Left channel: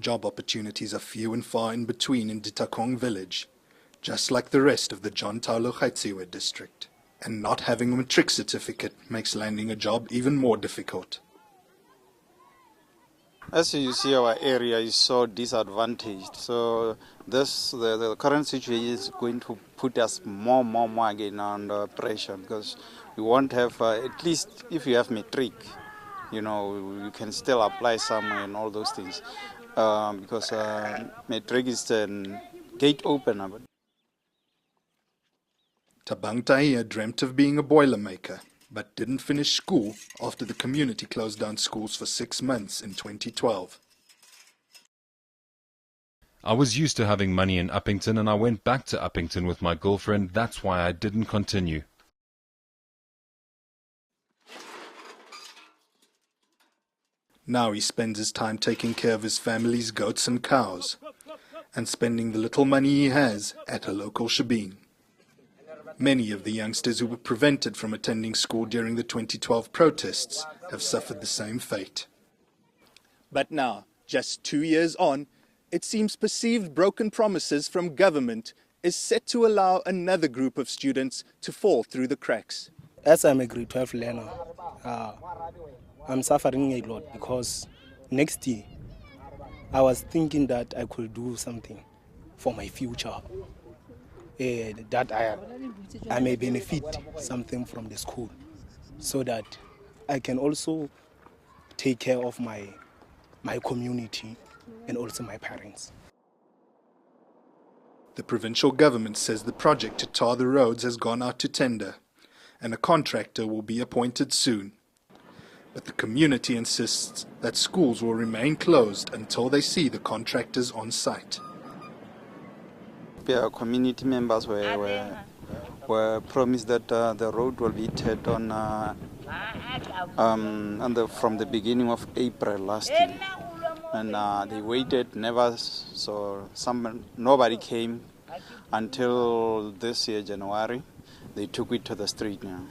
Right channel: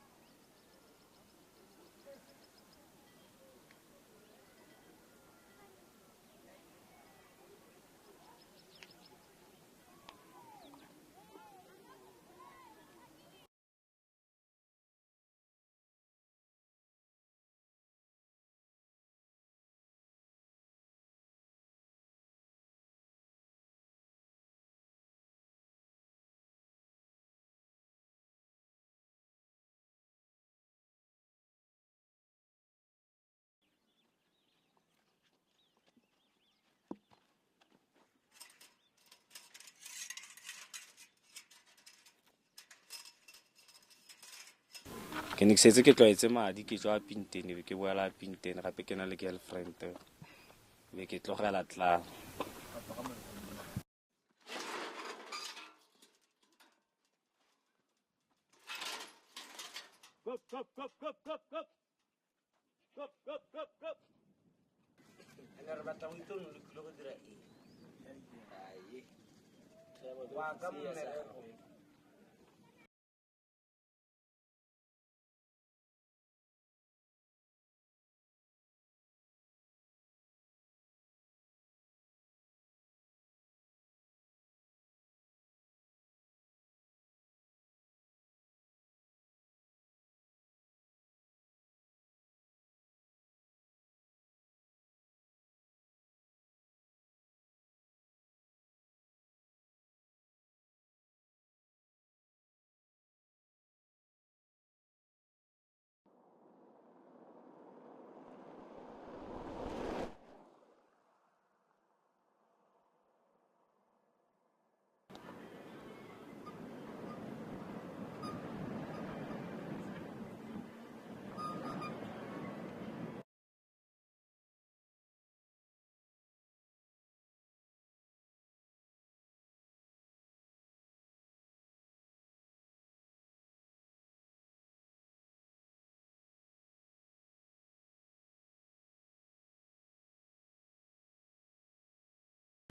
Job opportunities are few and far in between in Ditakong village, just like the rest of the John Taulo Gaitsewe district. And not having a matric certificate makes landing a job even more difficult. As you see, our area is so disadvantaged. So the current situation is going to put us more again under pressure, because we won't have, at least if you have matric, you know, you can still apply somewhere and all those things. Because matric is a gate opener. Tabang Tahia dreamt of being a boilermaker, but didn't finish school after the community closed down schools for 6 months in 2012. I was used to having money in Uppington and I went back to Uppington with my girlfriend. That's why I didn't continue. Now he spends his time taking care of his family's goats and cows and spending the little money he has at a local shebeen. Many of the youngsters who were prevented from attending school during the 2012 protests have suffered the same fate. But now, just 2 years on, it seems perceived broken promises from government is set to allow another group of students to fall through the cracks. As I'm a grade 12 learner, I'm suffering a lot because next year I was thinking that I could do something for my future. That I may benefit something from the school so that I can also take care of my community and also my parents. The provincial government says the project to tar the roads has gone out to tender and a contractor will be appointed soon. But the community insists that schools will remain closed until they see the contractors on site. Our community members were promised that the road will be tarred on from the beginning of April last year, and they waited, nobody came until this year, January. They took it to the street now.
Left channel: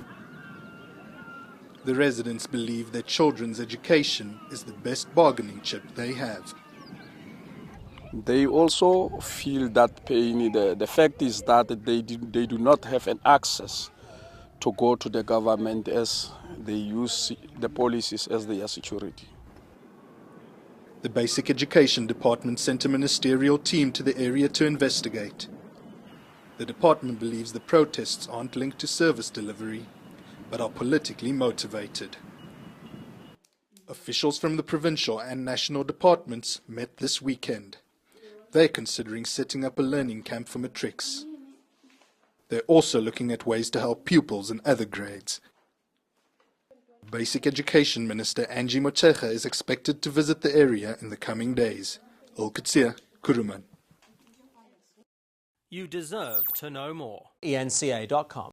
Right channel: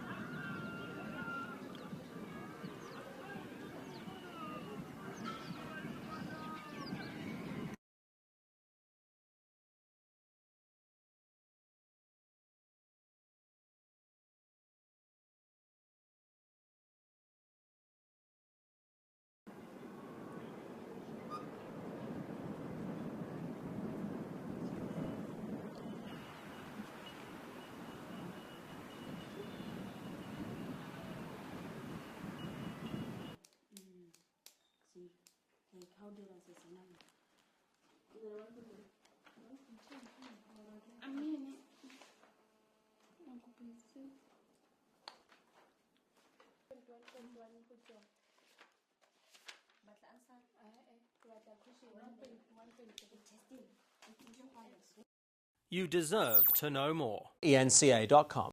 The residents believe that children's education is the best bargaining chip they have. They also feel that pain. The fact is that they do not have an access to go to the government as they use the policies as their security. The Basic Education Department sent a ministerial team to the area to investigate. The department believes the protests aren't linked to service delivery, but are politically motivated. Officials from the provincial and national departments met this weekend. They're considering setting up a learning camp for matrics. They're also looking at ways to help pupils in other grades. Basic Education Minister Angie Motshekga is expected to visit the area in the coming days. Ulkutsia, Kuruman. You deserve to know more. eNCA.com